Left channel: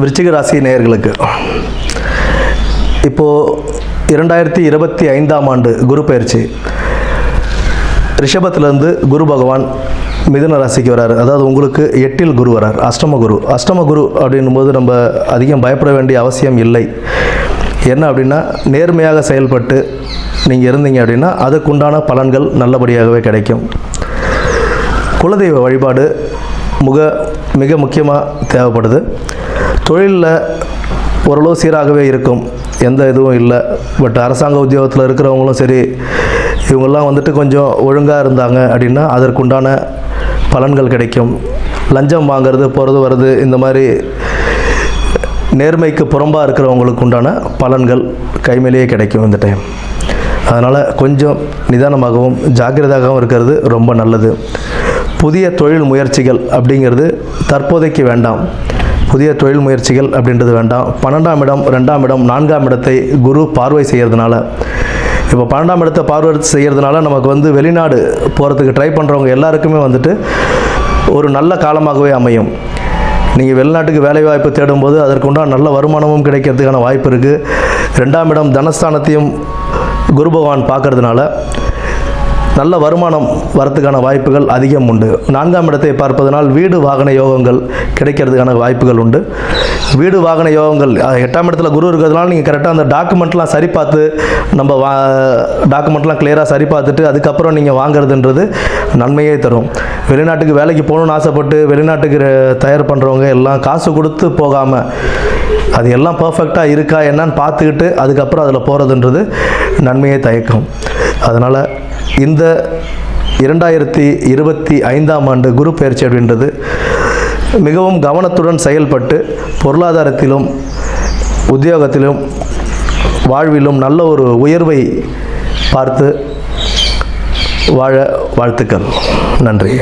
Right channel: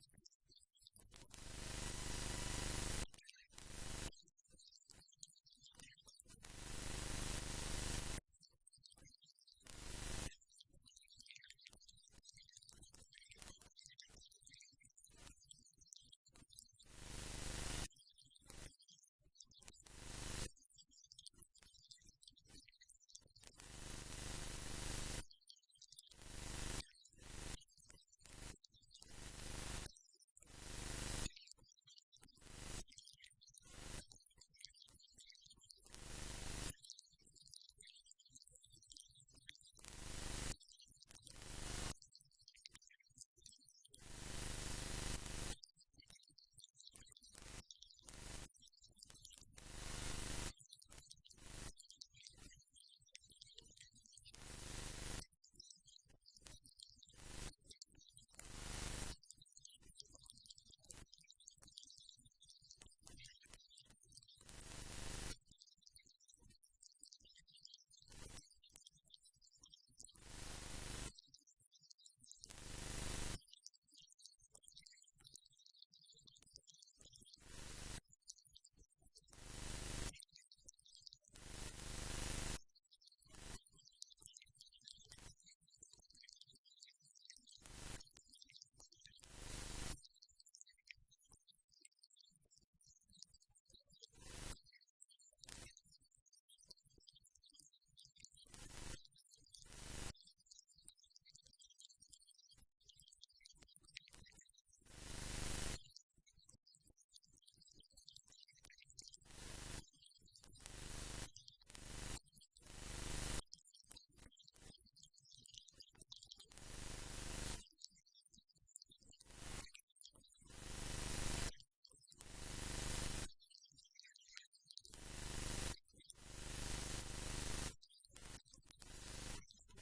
விருச்சிக ராசி நேயர்களுக்கு இப்போது 2025ஆம் ஆண்டு குரு பயிற்சி ரிஷபத்திலேருந்து குரு பகவான் மிதுன ராசிக்கு வராரு. அதாவது உங்களுக்கு 8ல் குரு வரார், அஷ்டம குரு அப்படின்னும்போது நம்ம அதிகம் பயப்பட வேண்டிய அவசியம் இல்லை. என்ன அப்படின்னா, நேர்மையாக செயல்பட்டு நீங்கள் இருந்தீங்க அப்படின்னா அதுக்குண்டான பலன்கள் நல்லபடியாகவே கிடைக்கும். குலதெய்வ வழிபாடு மிக முக்கியமாக தேவைப்படுது. தொழிலில் ஓரளவு சீராகவே இருக்கும், எந்த இதுவும் இல்லை. பட் அரசாங்க உத்தியோகத்தில் இருக்கிறவங்களும் சரி, இவங்கெல்லாம் வந்துட்டு கொஞ்சம் ஒழுங்காக இருந்தாங்க அப்படின்னா அதற்குண்டான பலன்கள் கிடைக்கும். லஞ்சம் வாங்கிறது, போகிறது வர்றது, இந்த மாதிரி நேர்மைக்கு புறம்பாக இருக்கிறவங்களுக்கு உண்டான பலன்கள் கைமேலேயே கிடைக்கும் இந்த டைம். அதனால் கொஞ்சம் நிதானமாகவும் ஜாக்கிரதையாகவும் இருக்கிறது ரொம்ப நல்லது. புதிய தொழில் முயற்சிகள் அப்படிங்கிறது தற்போதைக்கு வேண்டாம். புதிய தொழில் முயற்சிகள் அப்படின்றது வேண்டாம். 12ஆம் இடம், 2ஆம் இடம், 4ஆம் இடத்தை குரு பார்வை செய்கிறதுனால, இப்போ 12ஆம் இடத்தை பார்வை செய்கிறதுனால நமக்கு வெளிநாடு போகிறதுக்கு ட்ரை பண்ணுறவங்க எல்லாருக்குமே ஒரு நல்ல காலமாகவே அமையும். நீங்கள் வெளிநாட்டுக்கு வேலைவாய்ப்பு தேடும்போது அதற்குண்டான நல்ல வருமானமும் கிடைக்கிறதுக்கான வாய்ப்பு இருக்குது. 2ஆம் இடம் தனஸ்தானத்தையும் குரு பகவான் பார்க்கறதுனால நல்ல வருமானம் வரத்துக்கான வாய்ப்புகள் அதிகம் உண்டு. 4ஆம் இடத்தை பார்ப்பதனால் வீடு வாகன யோகங்கள் கிடைக்கிறதுக்கான வாய்ப்புகள் உண்டு. வீடு வாகன யோகங்கள் 8ஆம் இடத்துல குரு இருக்கிறதுனால நீங்கள் கரெக்டாக அந்த டாக்குமெண்ட்லாம் சரி பார்த்து, நம்ம டாக்குமெண்ட்லாம் கிளியராக சரி பார்த்துட்டு அதுக்கப்புறம் நீங்கள் வாங்குறதுன்றது நன்மையே தரும். வெளிநாட்டுக்கு வேலைக்கு போகணுன்னு ஆசைப்பட்டு வெளிநாட்டுக்கு தயார் பண்ணுறவங்க எல்லாம் காசு கொடுத்து போகாமல் அது எல்லாம் பர்ஃபெக்டாக இருக்கா என்னன்னு பார்த்துக்கிட்டு அதுக்கப்புறம் அதில் போகிறதுன்றது நன்மையை தயக்கும். அதனால் இந்த 2025ஆம் ஆண்டு குரு பயிற்சி அப்படின்றது மிகவும் கவனத்துடன் செயல்பட்டு பொருளாதாரத்திலும் உத்தியோகத்திலும் வாழ்விலும் நல்ல ஒரு உயர்வை பார்த்து வாழ வாழ்த்துக்கள். நன்றி.